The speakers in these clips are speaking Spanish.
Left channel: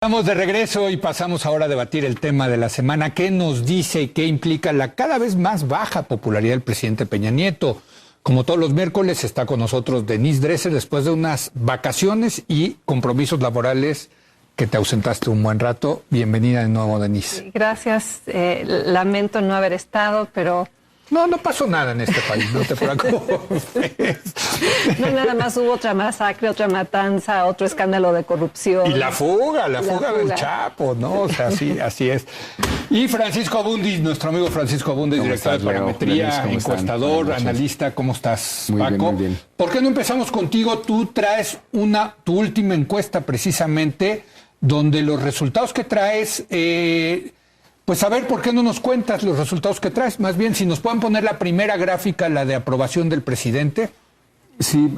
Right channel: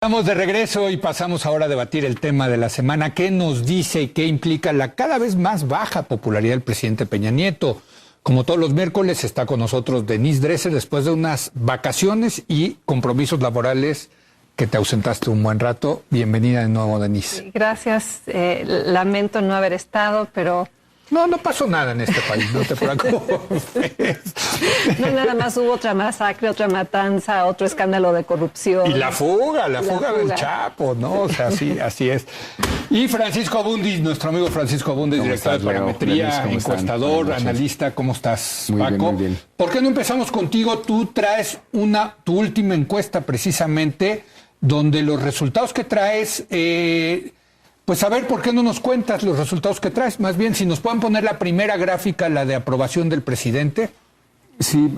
Estamos de regreso y pasamos ahora a debatir el tema de la semana. ¿Qué nos dice y qué implica la cada vez más baja popularidad del presidente Peña Nieto? Como todos los miércoles está con nosotros Denise Dresser después de unas vacaciones y compromisos laborales que te ausentaste un buen rato. Bienvenida de nuevo, Denise. Gracias. Lamento no haber estado, pero... No pasó nada en este país, no te preocupes. No, nada más hubo otra masacre, otra matanza, otro escándalo de corrupción. Y la fuga del Chapo, ¿no? O sea, así es. Y Francisco Abundis, nuestro amigo Francisco Abundis, director de Parametría, encuestador, analista. ¿Cómo estás, Paco? Muy bien. ¿Por qué no empezamos contigo? Tú traes tu última encuesta precisamente, donde los resultados que traes... Pues a ver, ¿por qué no nos cuentas los resultados que traes? Más bien, si nos pueden poner la primera gráfica, la de aprobación del presidente. Sí,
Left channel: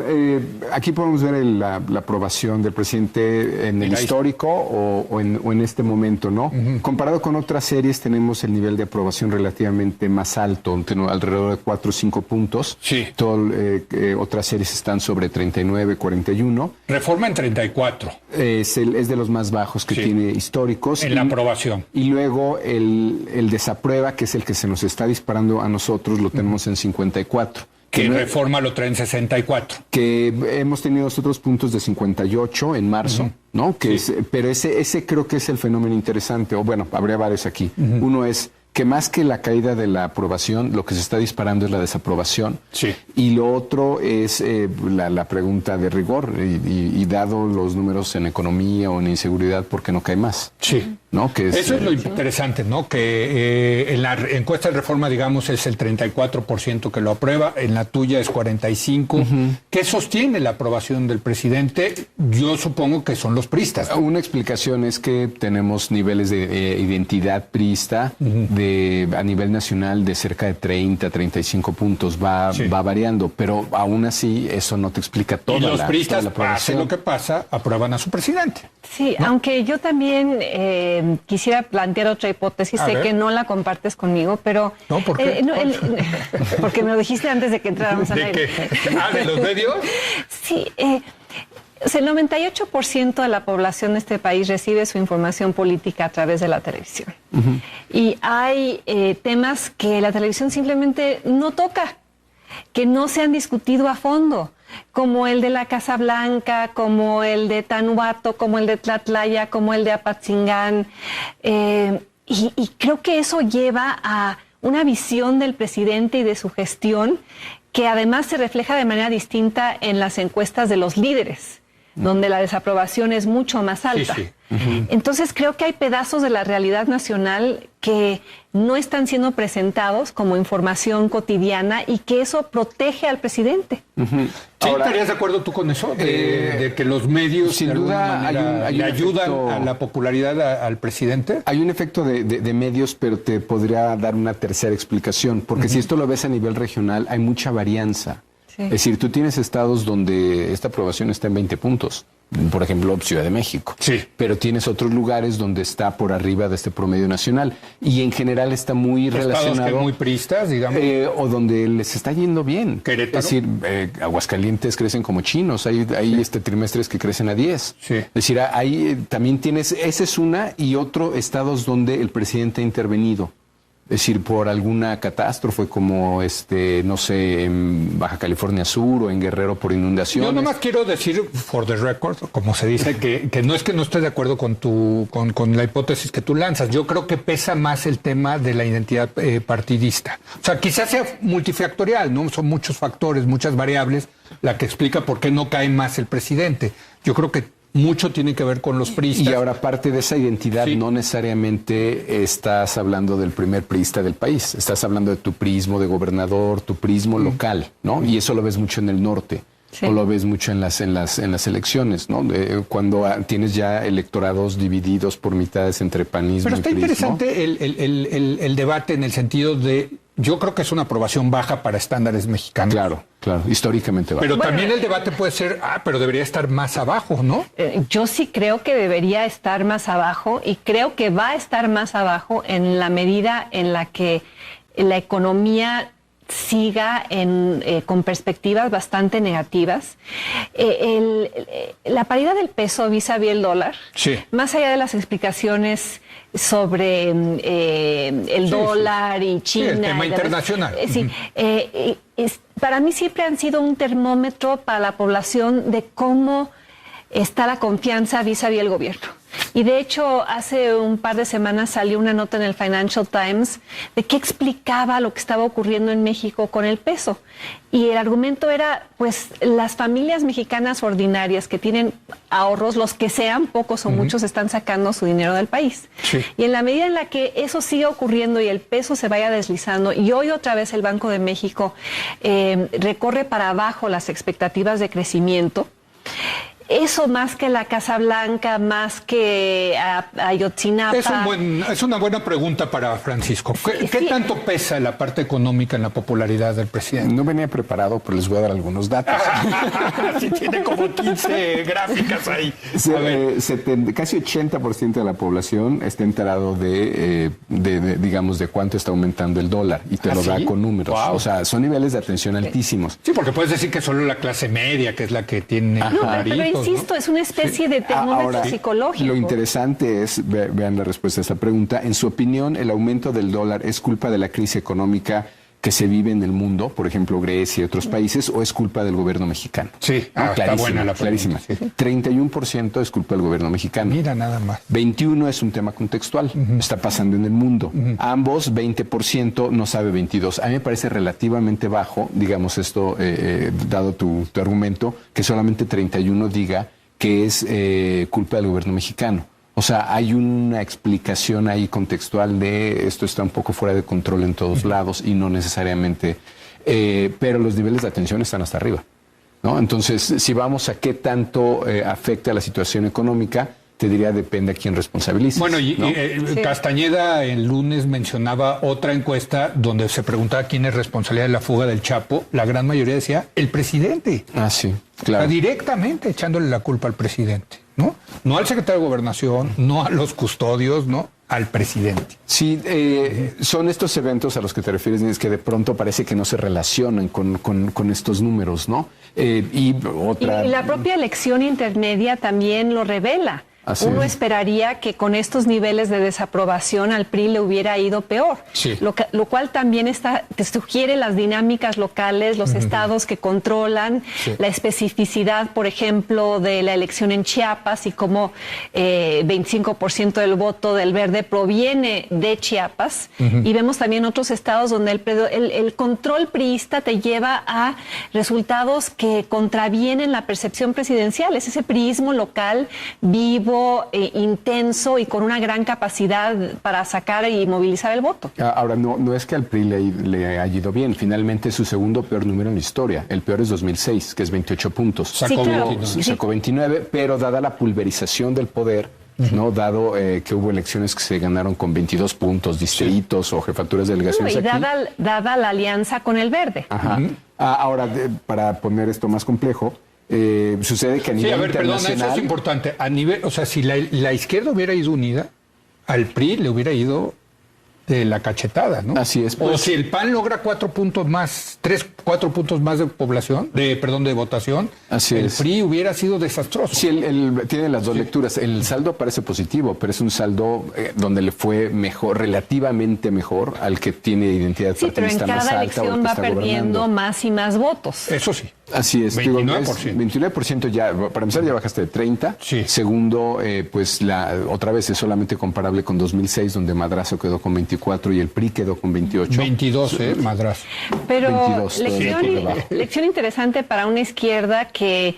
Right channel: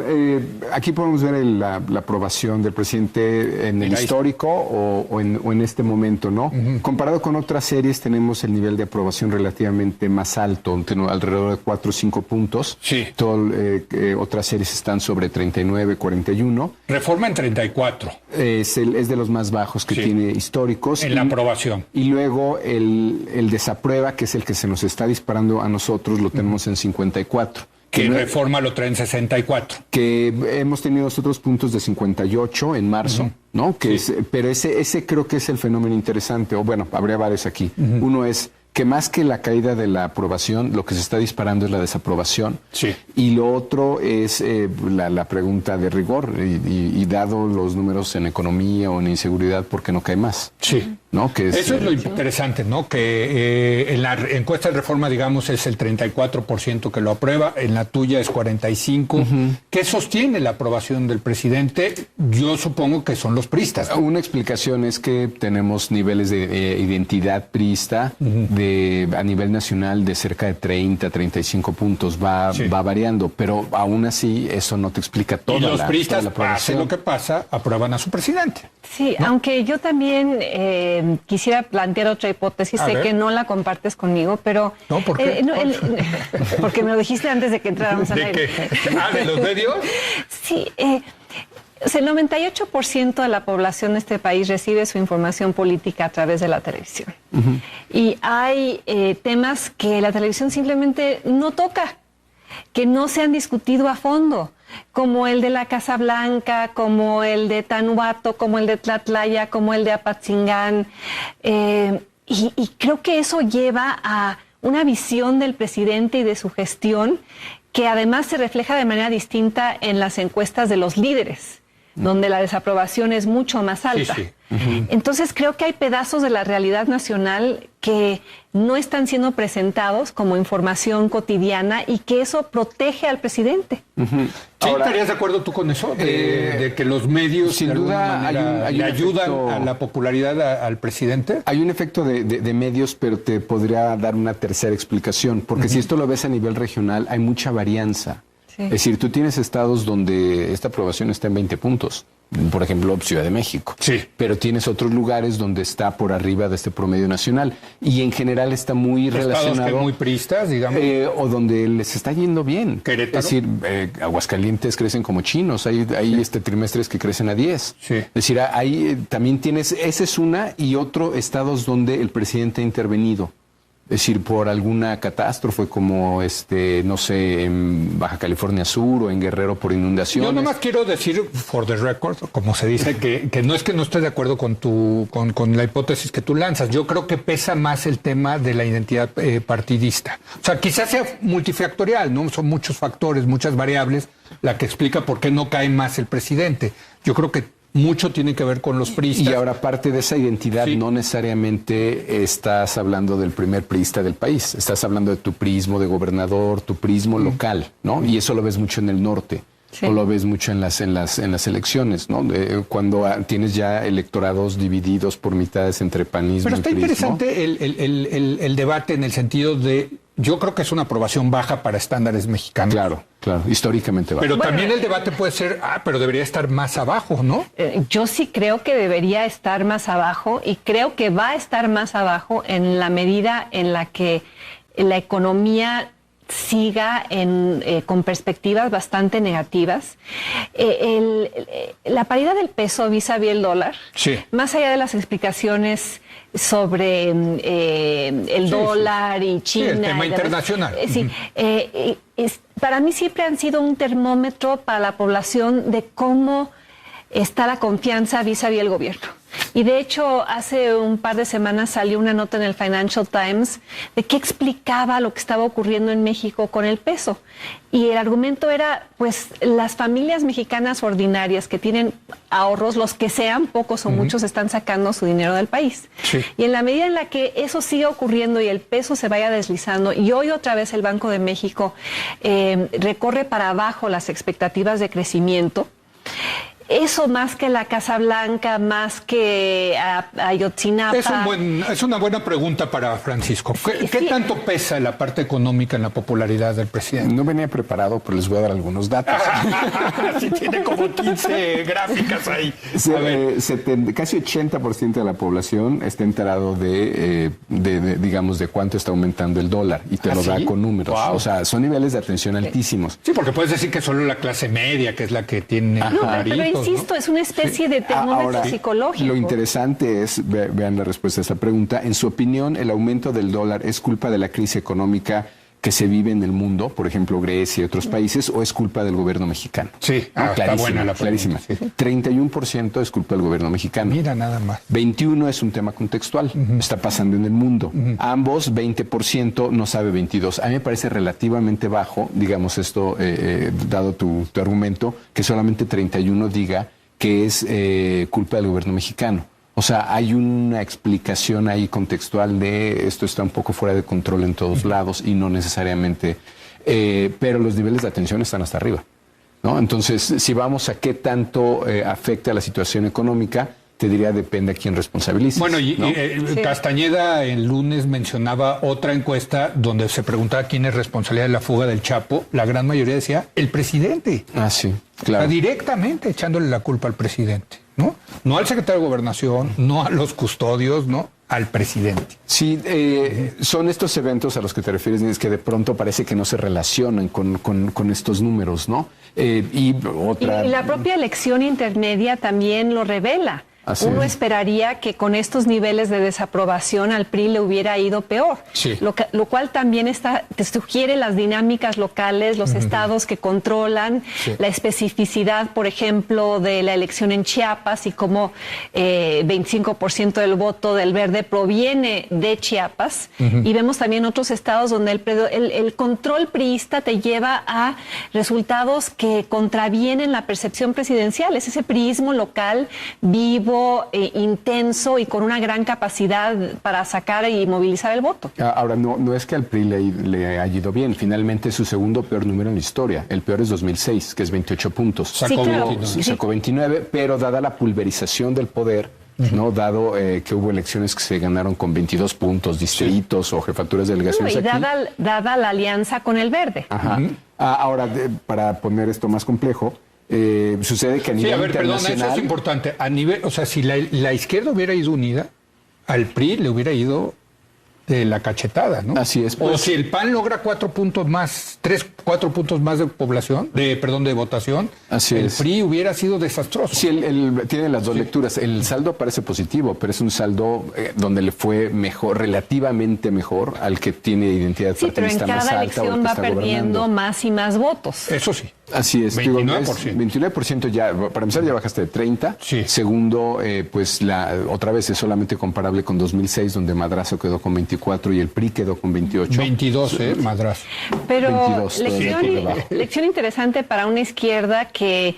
aquí podemos ver la aprobación del presidente en el histórico o en este momento, ¿no? Comparado con otras series, tenemos el nivel de aprobación relativamente más alto, alrededor de 4 o 5 puntos. Sí. Otras series están sobre 39, 41. Reforma en 34. Es de los más bajos que tiene históricos. En la aprobación. Y luego el desaprueba, que es el que se nos está disparando a nosotros, lo tenemos en 54. Que Reforma lo trae en 64. Que hemos tenido otros puntos de 58 en marzo, ¿no? Pero ese creo que es el fenómeno interesante, o bueno, habría varios aquí. Uno es que más que la caída de la aprobación, lo que se está disparando es la desaprobación. Sí. Y lo otro es la pregunta de rigor, y dado los números en economía o en inseguridad, ¿por qué no cae más? Sí. ¿No? Eso es lo interesante, ¿no? Que en la encuesta de Reforma, digamos, es el 34% que lo aprueba, en la tuya es 45%. ¿Qué sostiene la aprobación del presidente? Yo supongo que son los priistas, ¿no? Una explicación es que tenemos niveles de identidad priista a nivel nacional de cerca de 30, 35 puntos. Va variando, pero aún así eso no te explica toda la aprobación. Y los priistas, pase lo que pasa, aprueban a su presidente. Sí, ¿no? Aunque yo también quisiera plantear otra hipótesis, sé que no la compartes conmigo, pero... No, ¿por qué? Porque me lo dijiste antes de que entráramos al aire. ¿De los medios? Sí, el 98% de la población de este país recibe su información política a través de la televisión. Y hay temas que la televisión simplemente no toca, que no se han discutido a fondo, como el de la Casa Blanca, como el de Tanuato, como el de Tlatlaya, como el de Apatzingán. Y creo que eso lleva a una visión del presidente y de su gestión que además se refleja de manera distinta en las encuestas de los líderes, donde la desaprobación es mucho más alta. Sí. Entonces creo que hay pedazos de la realidad nacional que no están siendo presentados como información cotidiana y que eso protege al presidente. ¿Sí estarías de acuerdo tú con eso? De que los medios sin duda le ayudan a la popularidad al presidente. Hay un efecto de medios, pero te podría dar una tercera explicación, porque si esto lo ves a nivel regional, hay mucha varianza. Sí. Es decir, tú tienes estados donde esta aprobación está en 20 puntos. Por ejemplo, Ciudad de México. Sí. Pero tienes otros lugares donde está por arriba de este promedio nacional. Y en general está muy relacionado... Que muy priistas, digamos. O donde les está yendo bien. Querétaro. Es decir, Aguascalientes crecen como chinos. Hay trimestres que crecen a 10. Sí. Es decir, ahí también tienes... Esa es una, y otro estados donde el presidente ha intervenido. Es decir, por alguna catástrofe como, no sé, en Baja California Sur o en Guerrero por inundaciones. Yo nomás quiero decir, for the record, como se dice, que no es que no esté de acuerdo con la hipótesis que tú lanzas. Yo creo que pesa más el tema de la identidad partidista. O sea, quizás sea multifactorial, ¿no? Son muchos factores, muchas variables, la que explica por qué no cae más el presidente. Yo creo que mucho tiene que ver con los priistas. Y ahora, parte de esa identidad, no necesariamente estás hablando del primer priista del país. Estás hablando de tu prismo de gobernador, tu prismo local, ¿no? Y eso lo ves mucho en el norte. Sí. O lo ves mucho en las elecciones, ¿no? Cuando tienes ya electorados divididos por mitades entre panismo y prismo. Pero está interesante el debate en el sentido de... Yo creo que es una aprobación baja para estándares mexicanos. Claro, históricamente baja. Pero también el debate puede ser, pero debería estar más abajo, ¿no? Yo sí creo que debería estar más abajo, y creo que va a estar más abajo en la medida en la que la economía siga con perspectivas bastante negativas. La paridad del peso vis-a-vis el dólar, más allá de las explicaciones sobre el dólar y China. El tema internacional. Para mí siempre han sido un termómetro para la población de cómo está la confianza vis-a-vis el gobierno. Y de hecho, hace un par de semanas salió una nota en el Financial Times de que explicaba lo que estaba ocurriendo en México con el peso. Y el argumento era, pues, las familias mexicanas ordinarias que tienen ahorros, los que sean, pocos o muchos, están sacando su dinero del país. Y en la medida en la que eso siga ocurriendo y el peso se vaya deslizando, y hoy otra vez el Banco de México recorre para abajo las expectativas de crecimiento, eso más que la Casa Blanca, más que Ayotzinapa. Es una buena pregunta para Francisco. ¿Qué tanto pesa la parte económica en la popularidad del presidente? No venía preparado, pero les voy a dar algunos datos. Sí, tiene como 15 gráficas ahí. Casi 80% de la población está enterado digamos, de cuánto está aumentando el dólar, y te lo da con números. Wow. O sea, son niveles de atención altísimos. Sí, porque puedes decir que solo la clase media, que es la que tiene... Pero insisto, es una especie de termómetro psicológico. Lo interesante es, vean la respuesta a esta pregunta, en su opinión, ¿el aumento del dólar es culpa de la crisis económica que se vive en el mundo, por ejemplo Grecia y otros países, o es culpa del gobierno mexicano? Sí, está buena la clarísima. Sí. 31% es culpa del gobierno mexicano. Mira, nada más. 21% es un tema contextual, está pasando en el mundo. Ambos, 20%, no sabe 22%. A mí me parece relativamente bajo, digamos esto, dado tu argumento, que solamente 31% diga que es culpa del gobierno mexicano. O sea, hay una explicación ahí contextual de esto está un poco fuera de control en todos lados y no necesariamente, pero los niveles de atención están hasta arriba, ¿no? Entonces, si vamos a qué tanto afecta la situación económica, te diría depende a quién responsabilices. Bueno, Castañeda el lunes mencionaba otra encuesta donde se preguntaba quién es responsabilidad de la fuga del Chapo. La gran mayoría decía el presidente. Ah, sí, claro. Directamente echándole la culpa al presidente, ¿no? No al secretario de Gobernación, no a los custodios, no, al presidente. Sí, son estos eventos a los que te refieres, es que de pronto parece que no se relacionan con estos números, ¿no? Y la propia elección intermedia también lo revela. Uno esperaría que con estos niveles de desaprobación al PRI le hubiera ido peor, lo cual también te sugiere las dinámicas locales, los estados que controlan, la especificidad, por ejemplo, de la elección en Chiapas y cómo 25% del voto del Verde proviene de Chiapas, y vemos también otros estados donde el control priista te lleva a resultados que contravienen la percepción presidencial, es ese priismo local vivo, intenso y con una gran capacidad para sacar y movilizar el voto. Ahora, no es que al PRI le haya ido bien. Finalmente es su segundo peor número en la historia. El peor es 2006, que es 28 puntos. Sacó 29, pero dada la pulverización del poder, ¿no? Dado que hubo elecciones que se ganaron con 22 puntos, distritos o jefaturas de delegaciones y dada la alianza con el Verde. Ahora, para poner esto más complejo, sucede que a nivel internacional... Perdón, eso es importante. A nivel, o sea, si la izquierda hubiera ido unida, al PRI le hubiera ido de la cachetada, ¿no? Así es. Pues. O si el PAN logra 4 puntos más de población, de votación, el PRI hubiera sido desastroso. Sí, tiene las dos lecturas. El saldo parece positivo, pero es un saldo donde le fue mejor, relativamente mejor al que tiene identidad partidista más alta. Pero en cada elección va perdiendo más y más votos. Eso sí. Así es. 29%. 29% ya, para empezar ya bajaste de 30. Sí. Segundo, pues otra vez es solamente comparable con 2006, donde Madrazo quedó con 24 y el PRI quedó con 28. 22, Madrazo. Pero 22, lección interesante para una izquierda que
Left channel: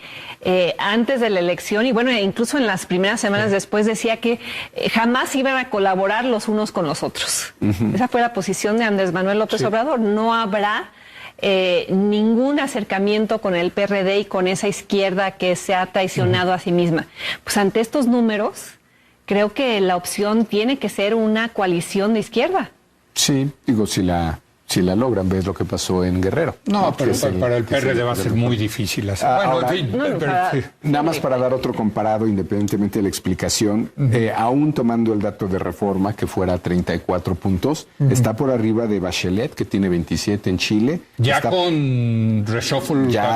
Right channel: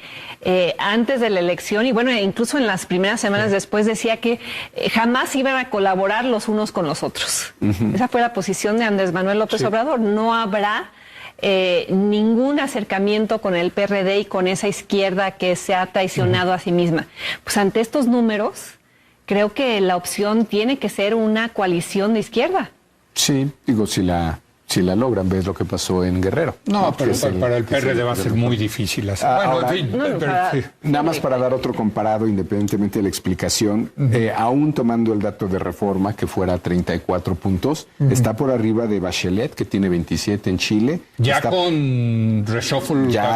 antes de la elección, y bueno, incluso en las primeras semanas después, decía que jamás iban a colaborar los unos con los otros. Esa fue la posición de Andrés Manuel López Obrador. No habrá ningún acercamiento con el PRD y con esa izquierda que se ha traicionado a sí misma. Pues ante estos números, creo que la opción tiene que ser una coalición de izquierda. Sí, digo, si la si la logran. Ves lo que pasó en Guerrero. No, pero para el PRD va a ser muy difícil. Bueno, en fin. Nada más para dar otro comparado, independientemente de la explicación, aún tomando el dato de Reforma, que fuera 34 puntos, está por arriba de Bachelet, que tiene 27 en Chile. Ya está, con reshuffle. Ya,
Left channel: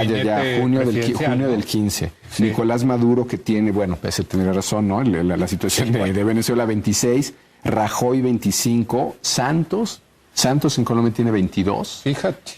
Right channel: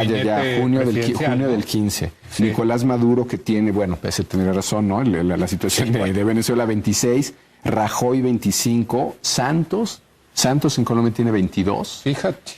junio del 15. Sí. Nicolás Maduro, que tiene, bueno, pese a tener razón, ¿no? La situación de Venezuela, 26. Rajoy, 25. Santos en Colombia tiene 22. Fíjate.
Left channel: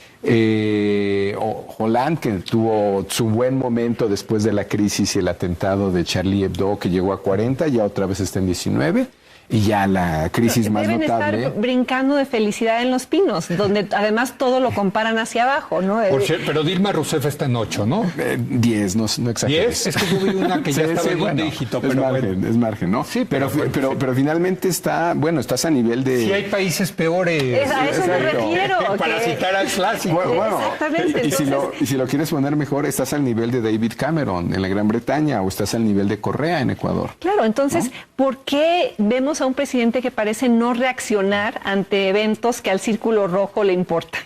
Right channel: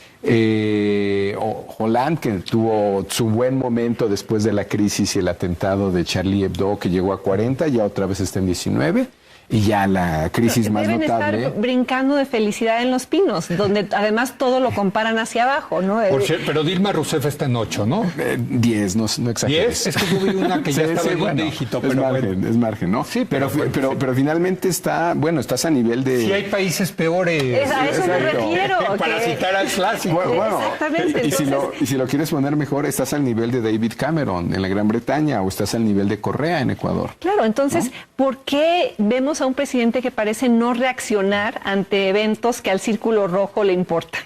Hollande, que tuvo su buen momento después de la crisis y el atentado de Charlie Hebdo, que llegó a 40, ya otra vez está en 19. Y ya la crisis más notable. Estar brincando de felicidad en Los Pinos, donde además todo lo comparan hacia abajo, ¿no? Pero Dilma Rousseff está en 8, ¿no? 10, no exageres. 10, es que yo vi una que ya estaba en un dígito. Es margen, ¿no? Sí, pero finalmente estás a nivel de... Sí hay países peores. A eso me refiero. Para citar al clásico. Bueno, exactamente. Y si lo quieres poner mejor, estás al nivel de David Cameron en la Gran Bretaña o estás al nivel de Correa en Ecuador. Claro, entonces, ¿no? ¿Por qué vemos a un presidente que parece no reaccionar ante eventos que al Círculo Rojo le importan?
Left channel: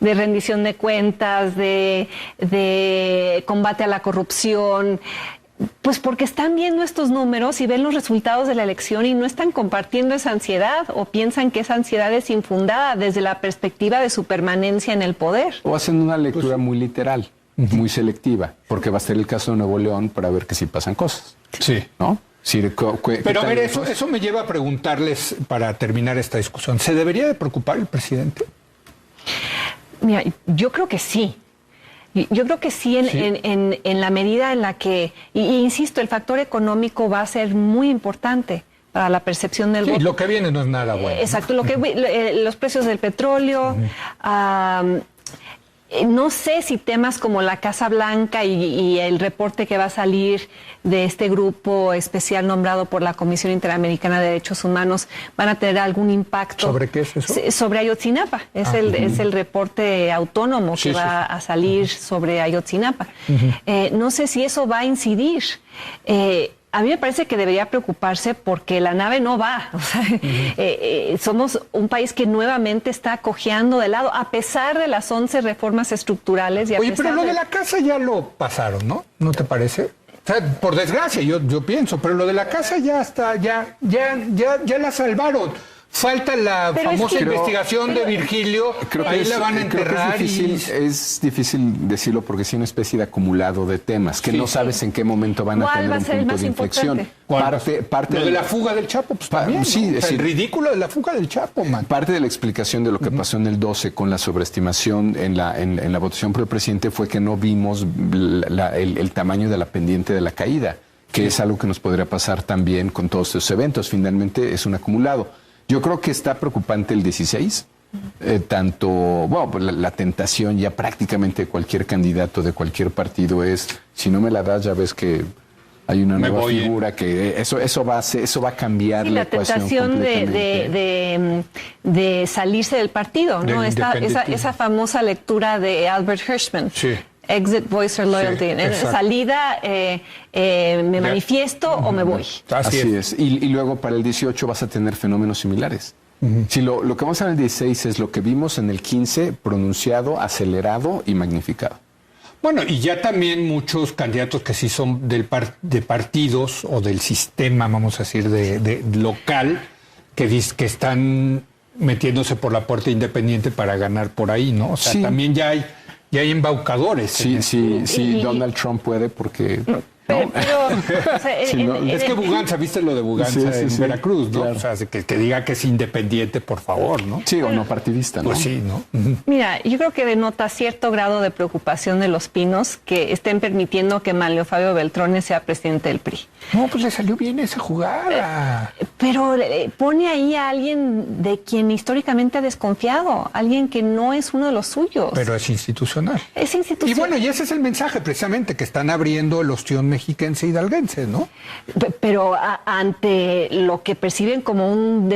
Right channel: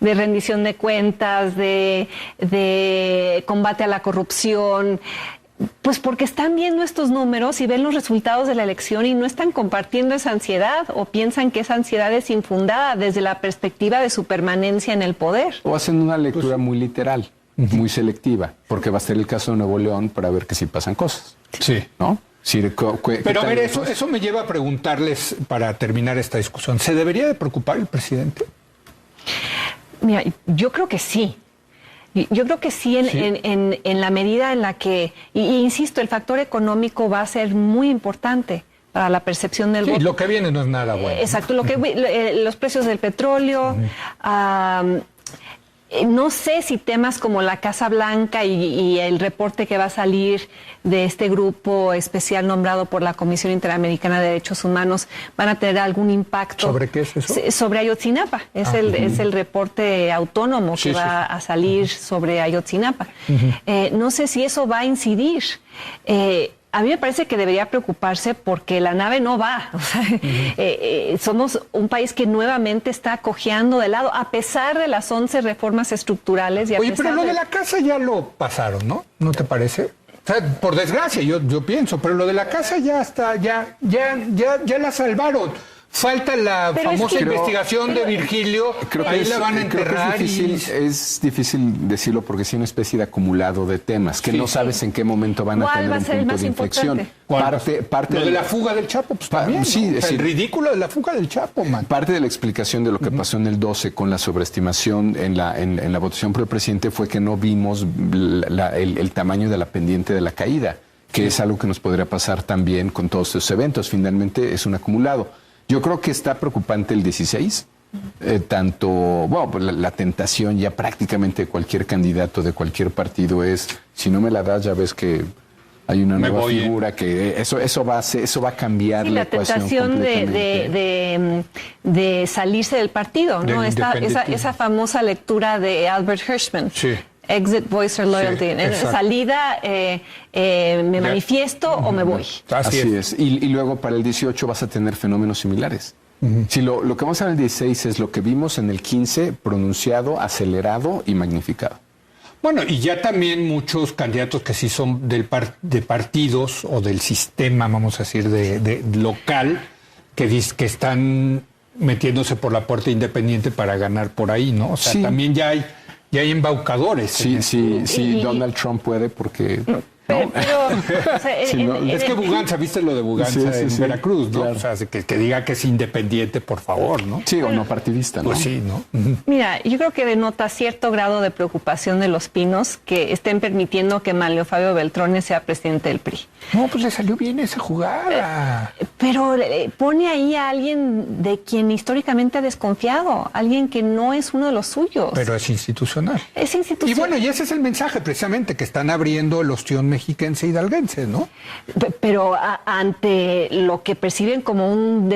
De rendición de cuentas, de combate a la corrupción. Pues porque están viendo estos números y ven los resultados de la elección y no están compartiendo esa ansiedad o piensan que esa ansiedad es infundada desde la perspectiva de su permanencia en el poder. O hacen una lectura muy literal, muy selectiva, porque va a ser el caso de Nuevo León para ver que sí pasan cosas. Sí. ¿No? Pero a ver, eso me lleva a preguntarles, para terminar esta discusión, ¿se debería de preocupar el presidente? Mira, yo creo que sí. Yo creo que sí, en la medida en la que, y insisto, el factor económico va a ser muy importante para la percepción del voto. Lo que viene no es nada bueno. Exacto, los precios del petróleo, no sé si temas como la Casa Blanca y el reporte que va a salir de este grupo especial nombrado por la Comisión Interamericana de Derechos Humanos van a tener algún impacto. ¿Sobre qué es eso? Sobre Ayotzinapa. Es el reporte autónomo que va a salir sobre Ayotzinapa. No sé si eso va a incidir. A mí me parece que debería preocuparse porque la nave no va. O sea, somos un país que nuevamente está cojeando de lado, a pesar de las 11 reformas estructurales. Oye, pero lo de la casa ya lo pasaron, ¿no? ¿No te parece? O sea, por desgracia, yo pienso, pero lo de la casa ya está, ya la salvaron. Falta la famosa investigación de Virgilio, ahí la van a enterrar. Es difícil decirlo porque es una especie de acumulado de temas que no sabes en qué momento van a tener un punto de inflexión. Lo de la fuga del Chapo, pues también. Sí, es decir, el ridículo de la fuga del Chapo, man. Parte de la explicación de lo que pasó en el 12 con la sobreestimación en la votación por el presidente fue que no vimos el tamaño de la pendiente de la caída, que es algo que nos podría pasar también con todos estos eventos. Finalmente es un acumulado. Yo creo que está preocupante el 16, pues la tentación ya prácticamente de cualquier candidato de cualquier partido es, si no me la das ya ves que hay una nueva figura, que eso va a cambiar la ecuación completamente. de salirse del partido, ¿no? Esa famosa lectura de Albert Hirschman. Sí. Exit, voice or loyalty. Salida, me manifiesto o me voy. Así es. Y luego para el 18 vas a tener fenómenos similares. Si lo que vamos a ver en el 16 es lo que vimos en el 15, pronunciado, acelerado y magnificado. Bueno, y ya también muchos candidatos que sí son de partidos o del sistema, vamos a decir, de local, que están metiéndose por la puerta independiente para ganar por ahí, ¿no? O sea, también ya hay embaucadores. Sí, Donald Trump puede porque... Pero, es que Buganza, ¿viste lo de Buganza en Veracruz? ¿No? Claro. O sea, que diga que es independiente, por favor, ¿no? Sí, o no partidista, ¿no? Pues sí, ¿no? Mira, yo creo que denota cierto grado de preocupación de Los Pinos que estén permitiendo que Manlio Fabio Beltrones sea presidente del PRI. No, pues le salió bien esa jugada. Pero pone ahí a alguien de quien históricamente ha desconfiado, alguien que no es uno de los suyos. Pero es institucional. Es institucional. Y bueno, y ese es el mensaje precisamente, que están abriendo el ostión mexiquense hidalguense, ¿no? Pero ante lo que perciben como un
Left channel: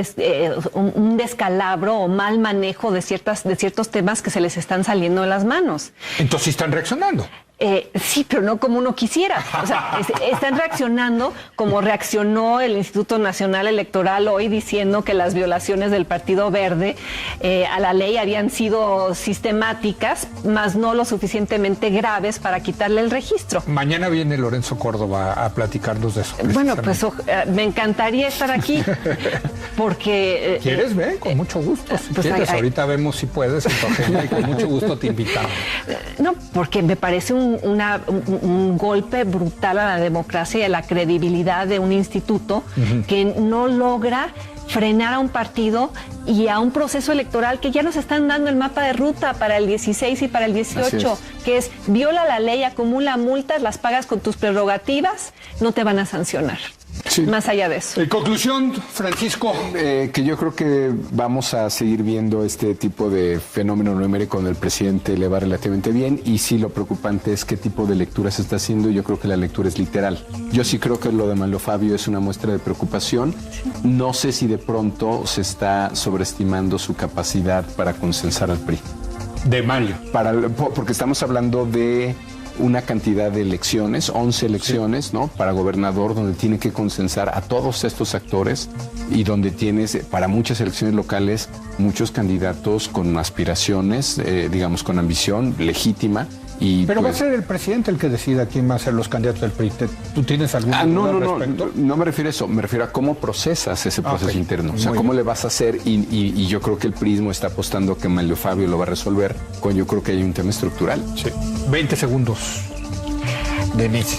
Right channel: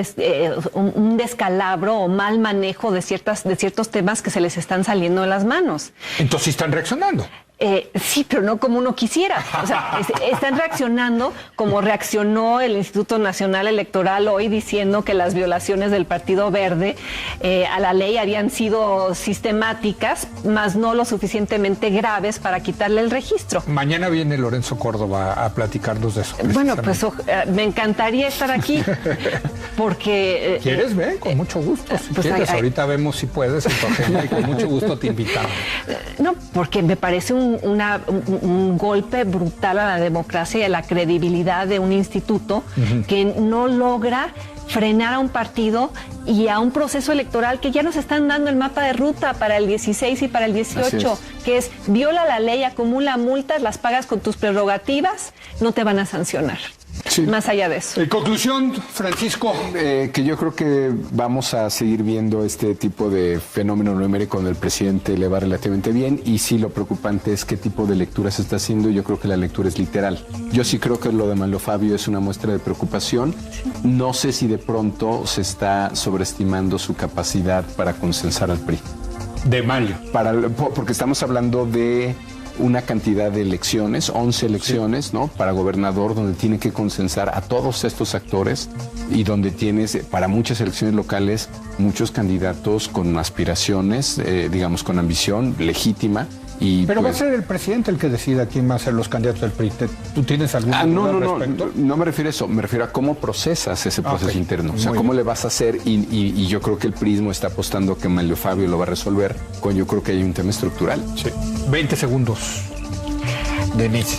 descalabro o mal manejo de ciertos temas que se les están saliendo de las manos. Entonces están reaccionando. Sí, pero no como uno quisiera. O sea, están reaccionando como reaccionó el Instituto Nacional Electoral hoy, diciendo que las violaciones del Partido Verde a la ley habían sido sistemáticas, más no lo suficientemente graves para quitarle el registro. Mañana viene Lorenzo Córdoba a platicarnos de eso. Bueno, pues me encantaría estar aquí, porque... ¿Quieres ver? Con mucho gusto. Si pues quieres, ahorita vemos si puedes en tu agenda y con mucho gusto te invitamos. No, porque me parece un golpe brutal a la democracia y a la credibilidad de un instituto que no logra frenar a un partido y a un proceso electoral que ya nos están dando el mapa de ruta para el 16 y para el 18, que es viola la ley, acumula multas, las pagas con tus prerrogativas, no te van a sancionar. Sí. Más allá de eso. En conclusión, Francisco. Que yo creo que vamos a seguir viendo este tipo de fenómeno numérico donde el presidente le va relativamente bien, y sí, lo preocupante es qué tipo de lectura se está haciendo. Yo creo que la lectura es literal. Yo sí creo que lo de Manlio Fabio es una muestra de preocupación. No sé si de pronto se está sobreestimando su capacidad para consensar al PRI. De Mario. Porque estamos hablando de una cantidad de elecciones, 11 elecciones, ¿no? Para gobernador, donde tiene que consensar a todos estos actores y donde tienes, para muchas elecciones locales, muchos candidatos con aspiraciones, digamos, con ambición legítima. Pero pues, va a ser el presidente el que decida quién va a ser los candidatos del PRI. ¿Tú tienes algún respecto? No me refiero a eso, me refiero a cómo procesas ese proceso interno. O sea, cómo le vas a hacer, y yo creo que el PRIismo está apostando que Manlio Fabio lo va a resolver, yo creo que hay un tema estructural. Sí. 20 segundos. Denise.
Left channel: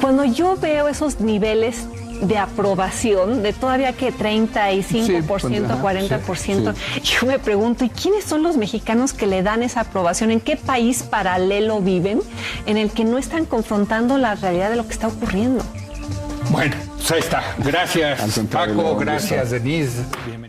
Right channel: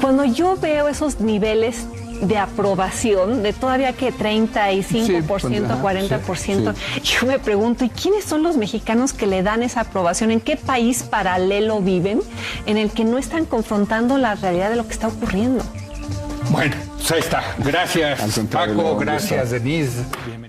Cuando yo veo esos niveles de aprobación, de todavía que 35%, 40%, yo me pregunto, ¿y quiénes son los mexicanos que le dan esa aprobación? ¿En qué país paralelo viven en el que no están confrontando la realidad de lo que está ocurriendo? Bueno, pues ahí está. Gracias, Paco. Gracias, Denise. Bienvenido.